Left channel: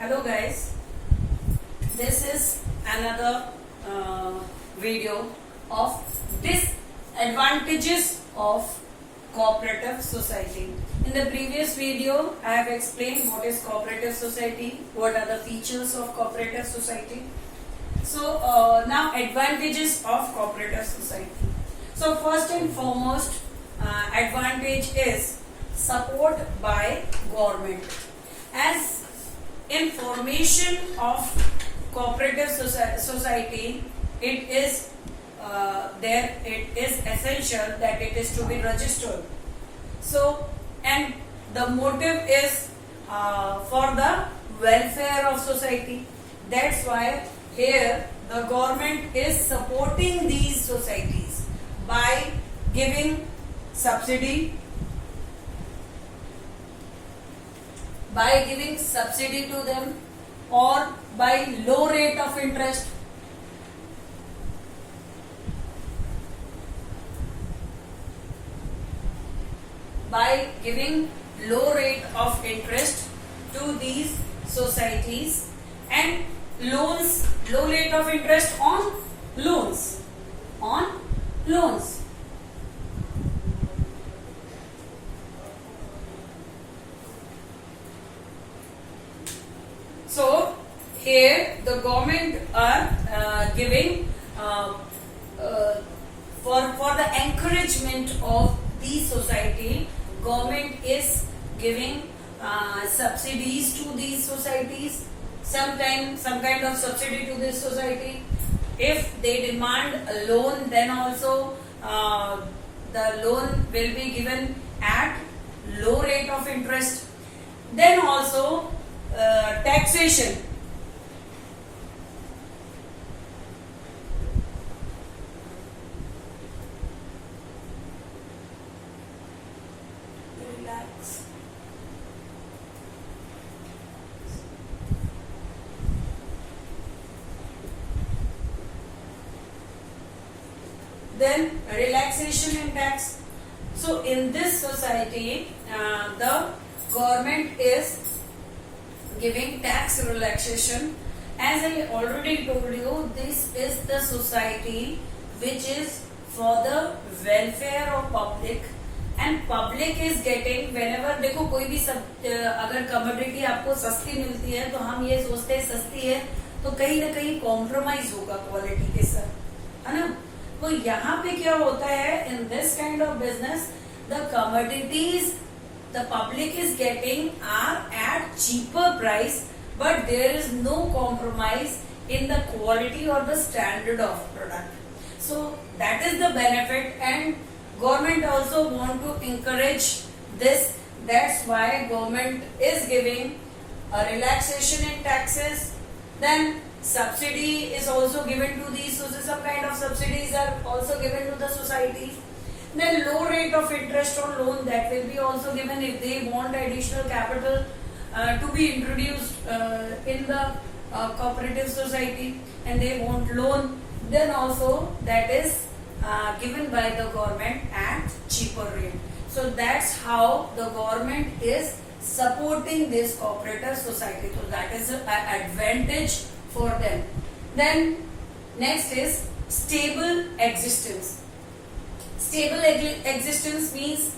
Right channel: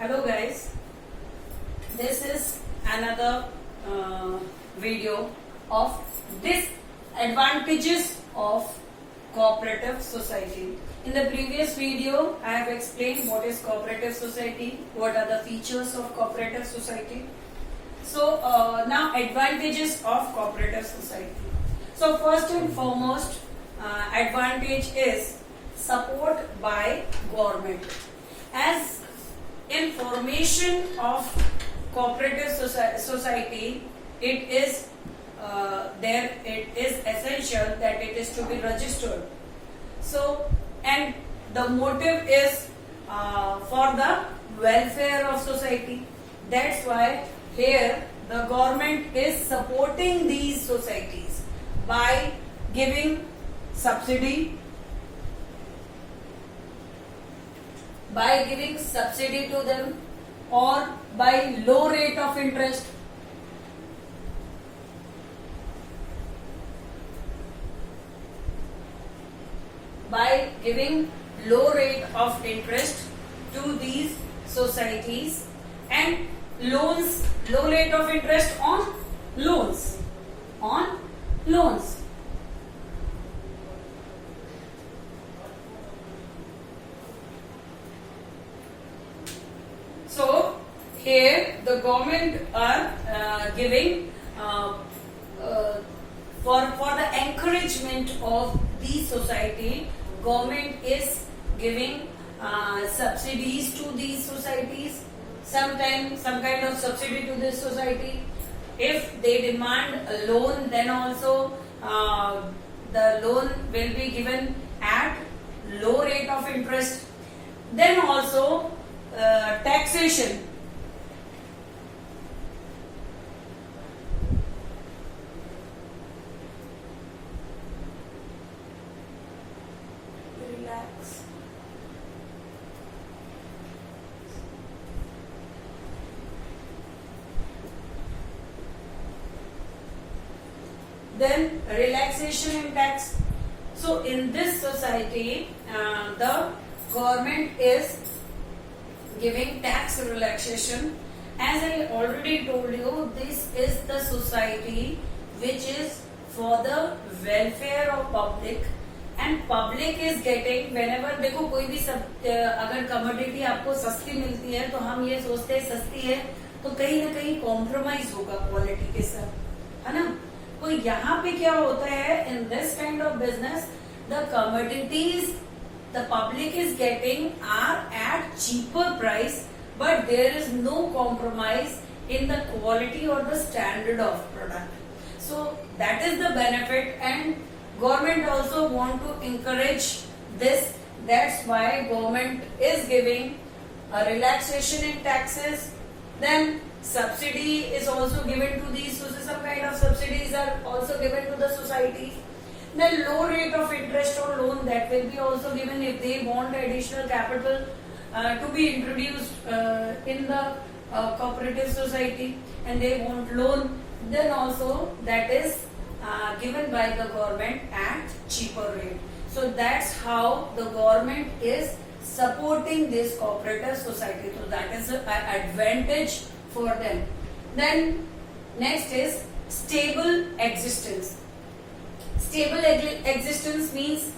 Hello guys, this is another video of disadvantages of cooperative society. In the previous video, I have explained what is cooperative society, what are the features of cooperative society. So now advantages of cooperative society. So first and foremost, advantage is support by government. As in formation of cooperative society, it is essential that it is to be registered. So, and the motive is for the welfare of society. That's why here the government is supporting these societies by giving subsidy, to them, or by low rate of interest. By giving low rate of interest to these societies and loans, low rate of interest on loans, So here the government are giving for the encouragement of these society, government is giving subsidies to these societies. Sometimes some kind of subsidy to this society. If they demand a loan, then also the loan will be given at low rate of interest. Then also taxation. Relax. Then relaxation in tax. So in this society, the government is giving tax relaxation. As I already told you, this is the society which is for the welfare of public, and public is getting, whenever देखो कोई भी सब अगर commodity आपको सस्ती मिलती है तो हम ये सोचते हैं सस्ती है तो कहीं ना कहीं कॉम्प्रोमाइज होगा क्वालिटी के साथ, है ना. तो यहाँ पे क्या होता है, in this kind of business the commodities the public is getting are at cheaper price, but there is no compromise in the quality or the standard of product. So that is the benefit, and government also want to encourage this. That's why government is giving a relaxation in taxes. Then subsidy is also given to these, so some kind of subsidies are also given to the societies. Then low rate of interest on loan, that will be also given if they want additional capital to be introduced in the cooperative society, and they want loan, then also that is given by the government at cheaper rate. So that's how the government is supporting this cooperative society. So that is an advantage for them. Then next is stable existence. Stable existence means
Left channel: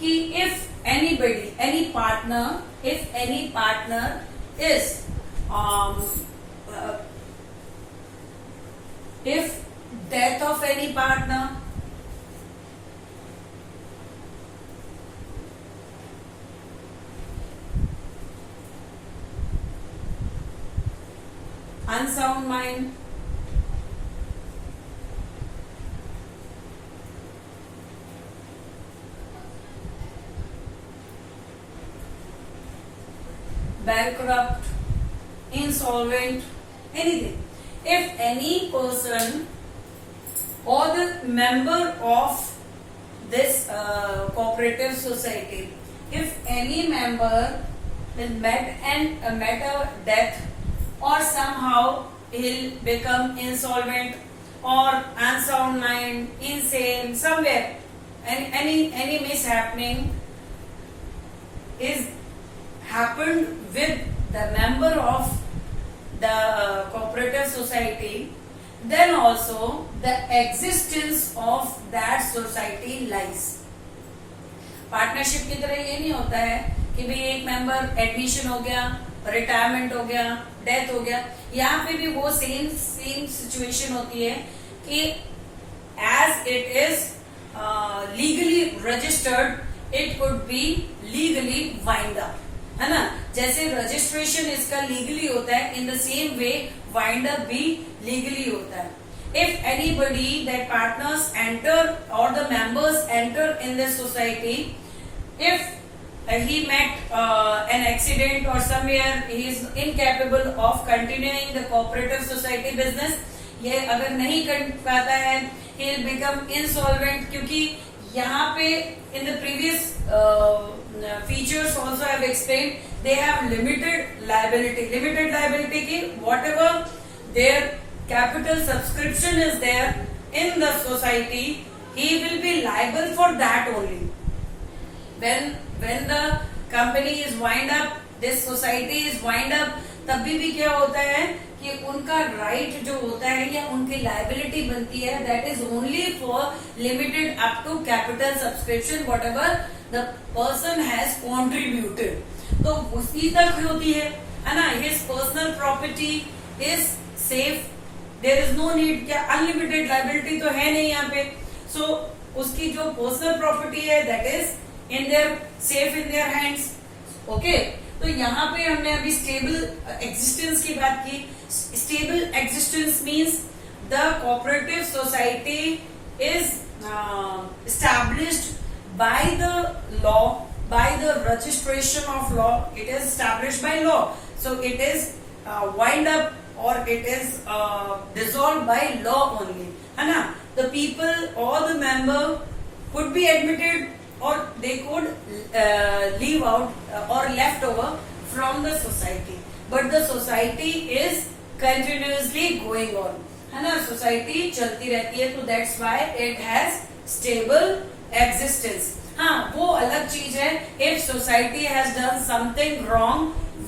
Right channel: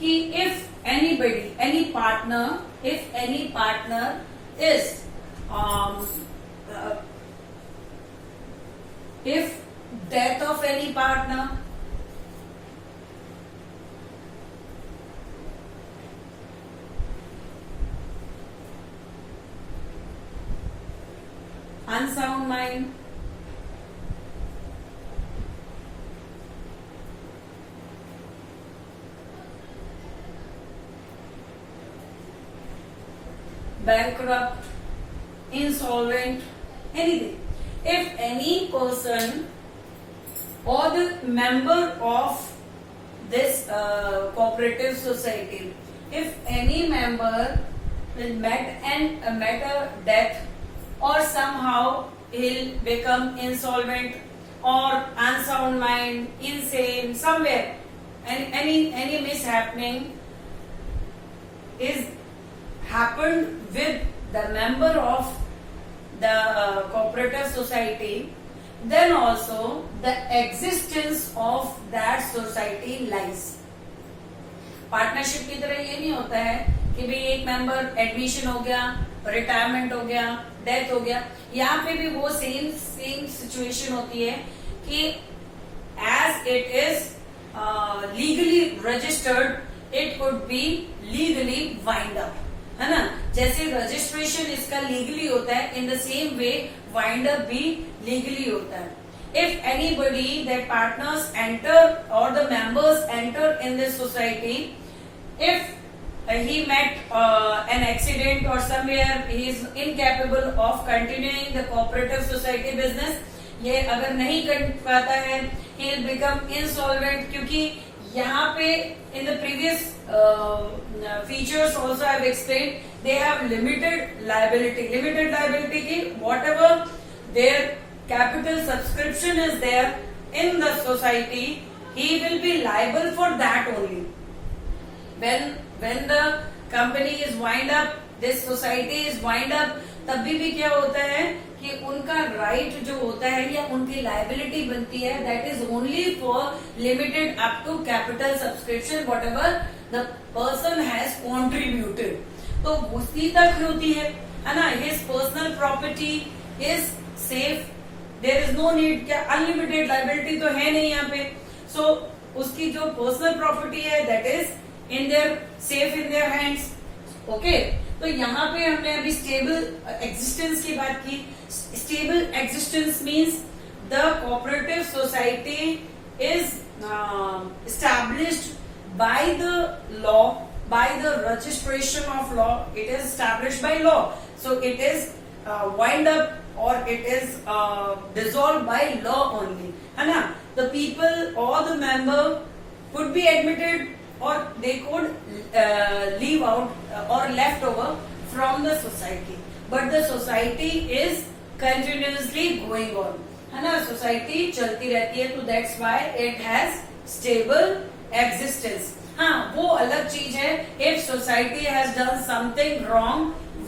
if anybody, any partner, if any partner is if death of any partner, unsound mind, bankrupt, insolvent, anything. If any person or the member of this cooperative society, if any member will met a death, or somehow he'll become insolvent or unsound mind, insane, somewhere, any mishappening is happened with the member of the cooperative society, then also the existence of that society lies. Partnership की तरह ये नहीं होता है कि भाई एक member admission हो गया, रिटायरमेंट हो गया, डेथ हो गया. यहाँ पे भी वो सेम सिचुएशन होती है कि as it is legally registered, it could be legally wind up, है ना. जैसे रजिस्ट्रेशन इसका लीगली होता है, in the same way wind up भी लीगली होता है. If anybody, their partners enter or the members enter in this society, if he met an accident or somewhere he is incapable of continuing the cooperative society business, ये अगर नहीं कर पाता है, he will become insolvent. क्योंकि यहाँ पे in the previous features also I have explained, they have limited liability. Limited liability की whatever their capital subscription is there in the society, he will be liable for that only. When the company is wind up, this society is wind up, तभी भी क्या होता है कि उनका right जो होता है या उनकी लाइबिलिटी बनती है, that is only for limited up to capital subscription whatever the person has contributed. तो उसी तक होती है ना. His personal property is safe. There is no need, क्या अनलिमिटेड लाइबिलिटी तो है नहीं यहाँ पे. सो उसकी जो पर्सनल प्रॉपर्टी है that is in their safe in their hands. Okay, तो यहाँ पे हमने अभी स्टेबल एग्जिस्टेंस की बात की. Stable existence means the cooperative society is established by the law, by the registration of law. It is established by law, so it is wind up or it is dissolved by law only, है ना. The people or the member could be admitted or they could leave out or left over from the society, but the society is continuously going on, है ना. Society चलती रहती है, तो that's why it has stable existence. हाँ, वो अलग चीज है. If society has done something wrong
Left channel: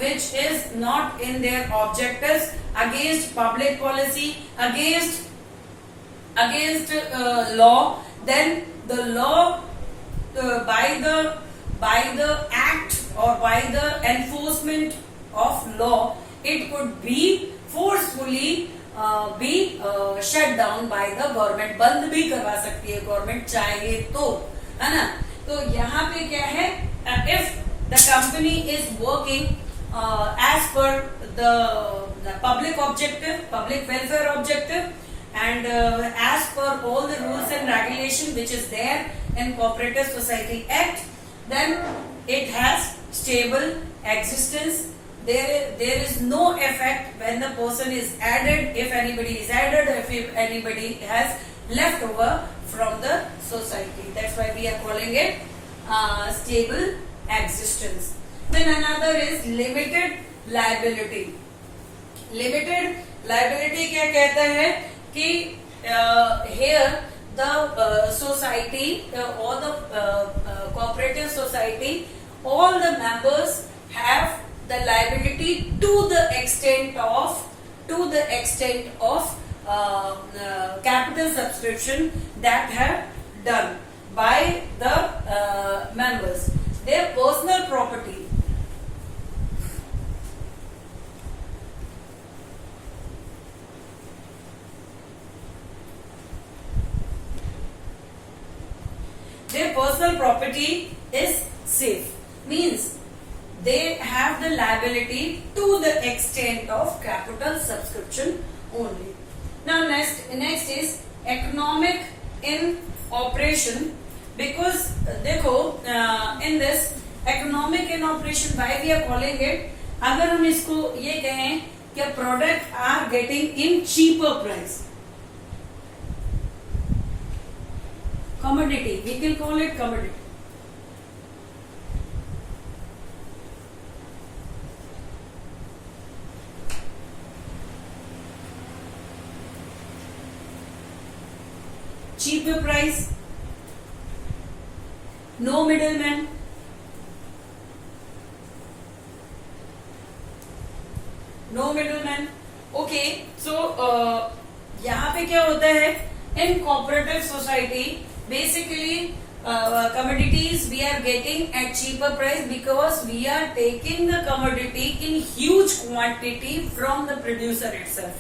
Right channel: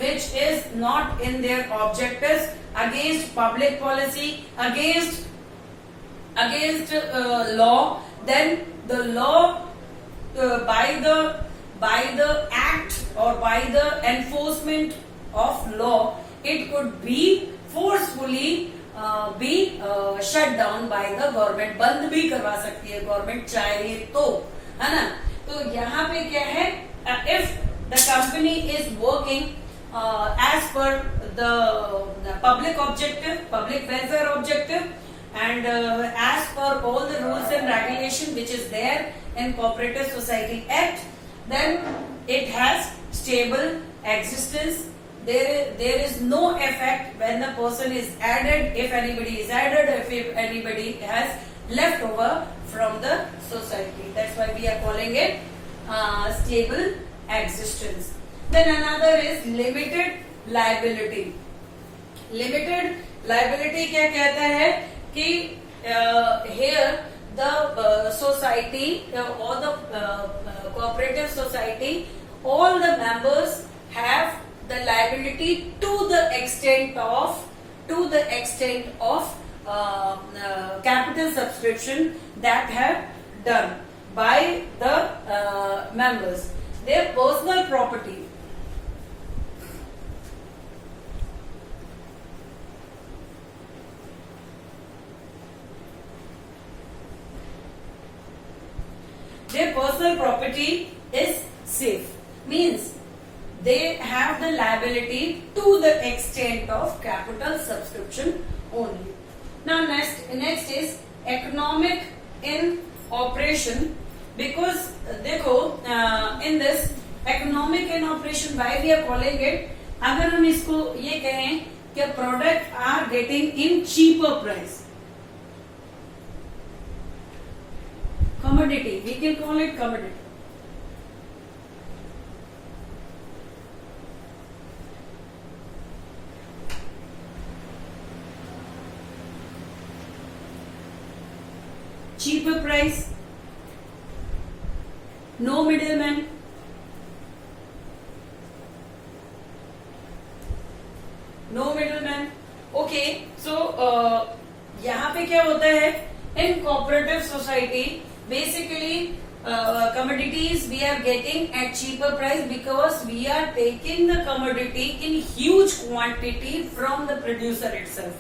which is not in their objectives, against public policy, against law, then the law by the act or by the enforcement of law, it could be forcefully be shut down by the government. बंद भी करवा सकती है government चाहे तो, है ना. तो यहाँ पे क्या है, if the company is working as per the public objective, public welfare objective, and as per all the rules and regulation which is there in Cooperative Society Act, then it has stable existence. There is no effect when the person is added, if anybody is added, if anybody has left over from the society. That's why we are calling it stable existence. Then another is limited liability. Limited liability क्या कहता है कि here the society or the cooperative society, all the members have the liability to the extent of capital subscription that have done by the members. Their personal property, is safe, means they have the liability to the extent of capital subscription only. Now next is economic in operation, because देखो in this economic in operation, why we are calling it, अगर हम इसको ये कहें कि product are getting in cheaper price, commodity, we can call it commodity. Cheaper price, no middleman, क्या होता है, इन cooperative society basically commodities we are getting at cheaper price because we are taking the commodity in huge quantity from the producer itself,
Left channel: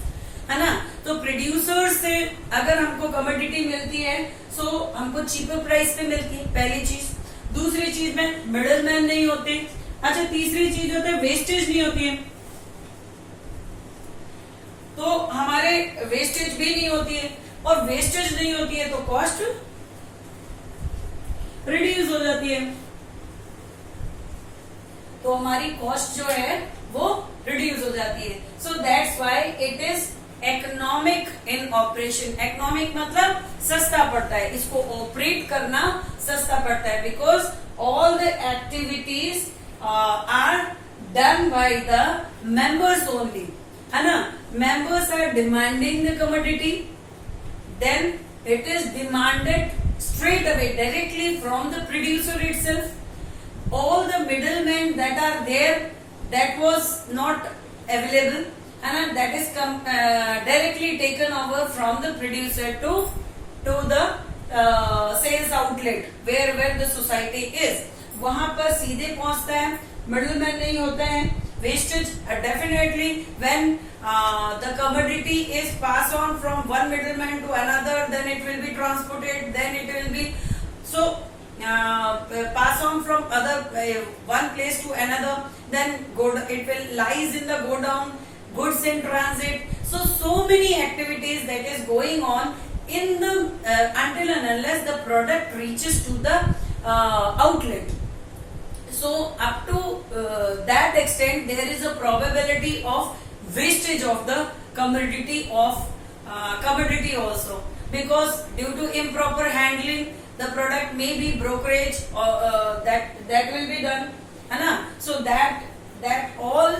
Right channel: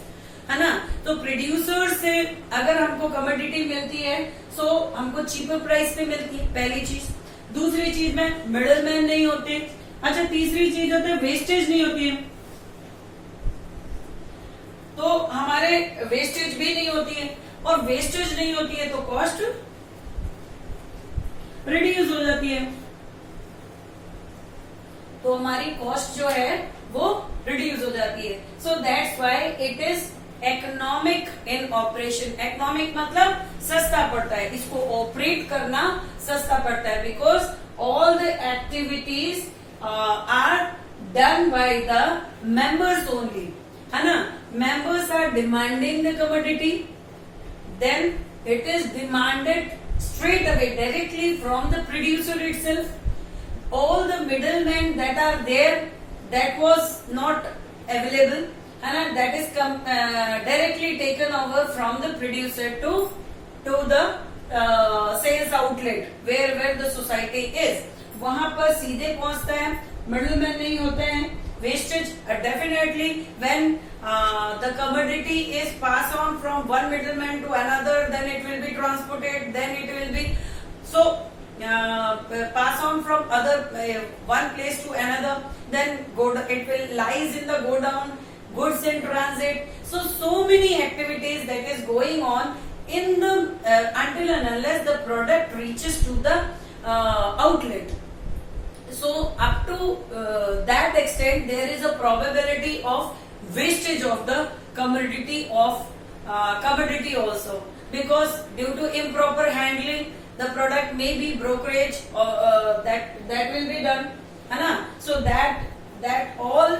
है ना। तो producer से अगर हमको commodity मिलती है सो हमको चीपर प्राइस पे मिलती है, पहली चीज। दूसरी चीज में मिडिल मैन नहीं होते। अच्छा, तीसरी चीज होती है वेस्टेज नहीं होती है, तो हमारे वेस्टेज भी नहीं होती है, और वेस्टेज नहीं होती है तो कॉस्ट रिड्यूस हो जाती है, तो हमारी कॉस्ट जो है वो रिड्यूस हो जाती है। So that's why it is economic in operation. Economic मतलब सस्ता पड़ता है, इसको ऑपरेट करना सस्ता पड़ता है, because all the activities are done by the members only, है ना। Members are demanding the commodity, then it is demanded straight away directly from the producer itself. All the middlemen that are there, that was not available, and that is directly taken over from the producer to the sales outlet where the society is. वहां पर सीधे पहुंचता है, middleman नहीं होते हैं। Wastage definitely when the commodity is passed on from one middleman to another, then it will be transported, then it will be pass on from other one place to another, then it will lies in the go down, goods in transit. So many activities that is going on in the until and unless the product reaches to the outlet. So up to that extent there is a probability of wastage of the commodity also, because due to improper handling the product may be brokerage or that will be done, है ना। So that all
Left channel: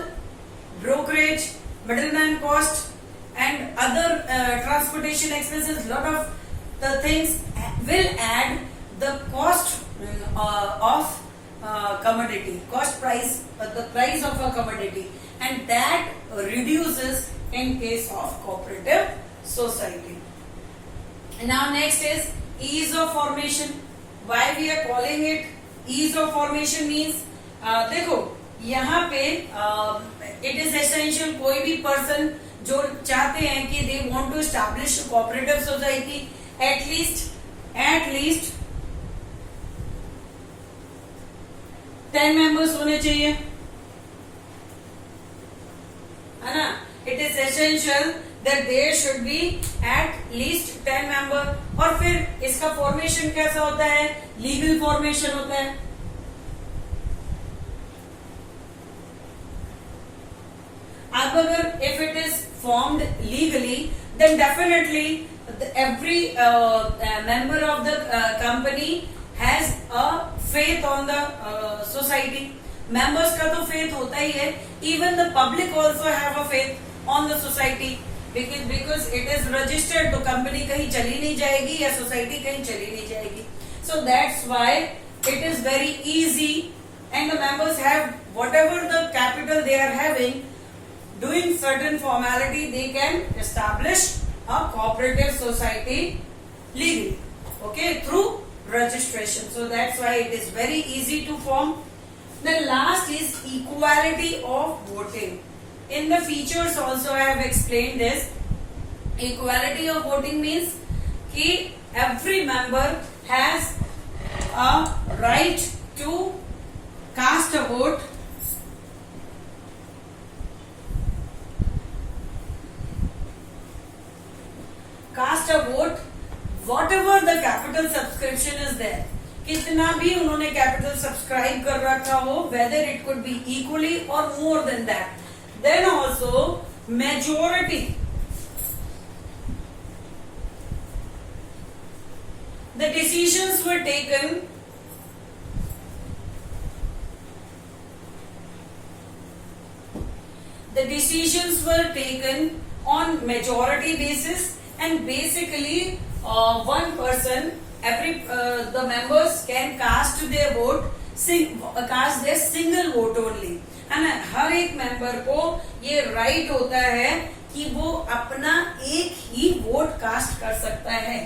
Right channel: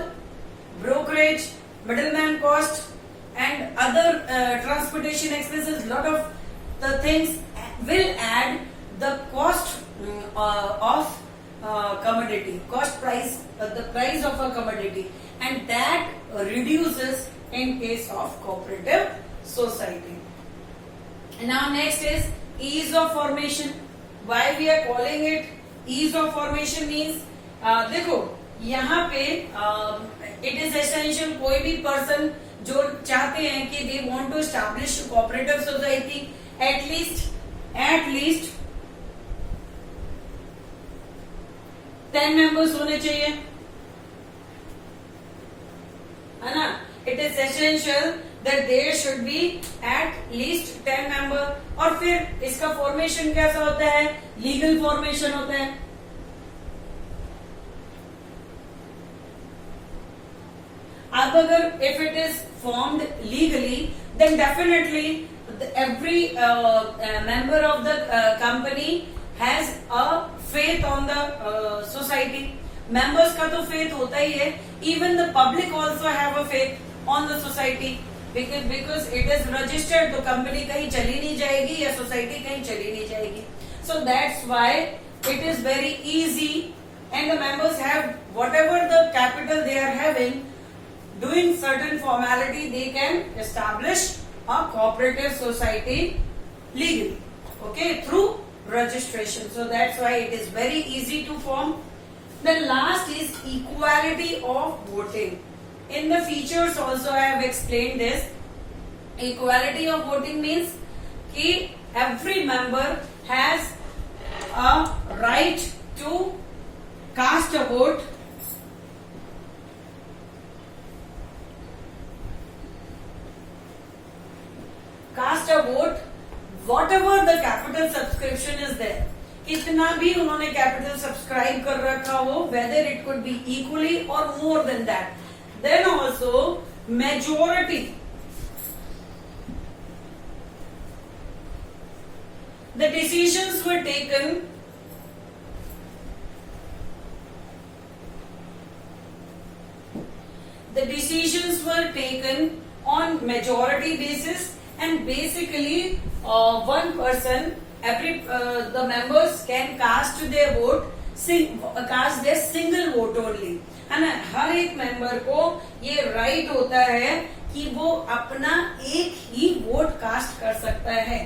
brokerage, middleman cost and other transportation expenses, lot of the things will add the cost of commodity, cost price, the price of a commodity, and that reduces in case of cooperative society. Now next is ease of formation. Why we are calling it ease of formation means देखो यहाँ पे it is essential, कोई भी person जो चाहते हैं कि they want to establish cooperative society, at least 10 members होने चाहिए, है ना। It is essential that there should be at least 10 member। और फिर इसका फॉर्मेशन कैसा होता है, लीगल फॉर्मेशन होता है। अब अगर if it is formed legally, then definitely every member of the company has a faith on the society. Members का तो faith होता ही है, even the public also have a faith on the society, because it is registered, तो company कहीं चली नहीं जाएगी या society कहीं चली नहीं जाएगी। So that's why it is very easy, and the members have whatever the capital they are having, doing certain formality they can establish a cooperative society legally, okay, through registration. So that's why it is very easy to form. The last is equality of voting. In the features also I have explained this. Equality of voting means कि every member has a right to cast a vote, whatever the capital subscription is there, कितना भी उन्होंने capital subscribe कर रखा हो, whether it could be equally or more than that, then also majority, the decisions were taken on majority basis, and basically one person, the members can cast their vote, cast their single vote only, है ना। हर एक member को ये right होता है कि वो अपना एक ही वोट कास्ट कर सकता है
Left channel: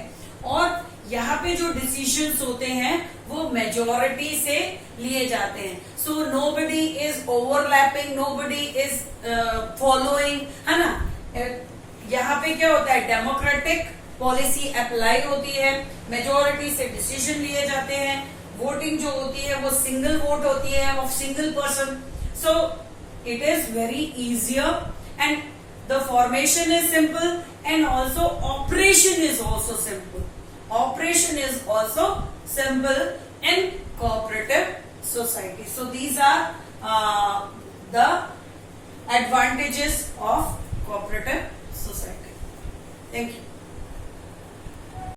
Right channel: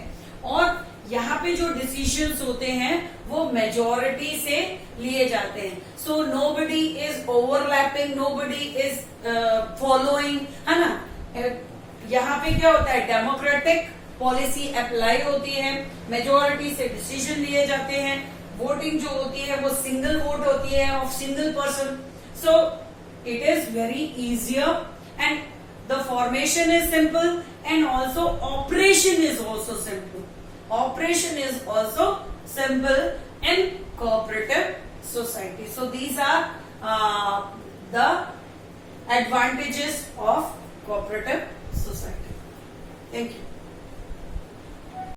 और यहाँ पे जो डिसीजंस होते हैं वो मेजोरिटी से लिए जाते हैं. So nobody is overlapping, nobody is following, है ना. यहाँ पे क्या होता है, डेमोक्रेटिक पॉलिसी अप्लाई होती है, मेजोरिटी से डिसीजन लिए जाते हैं, वोटिंग जो होती है वो सिंगल वोट होती है of single person. So it is very easier and the formation is simple and also operation is also simple. Operation is also simple in cooperative society. So these are the advantages of cooperative society. Thank you.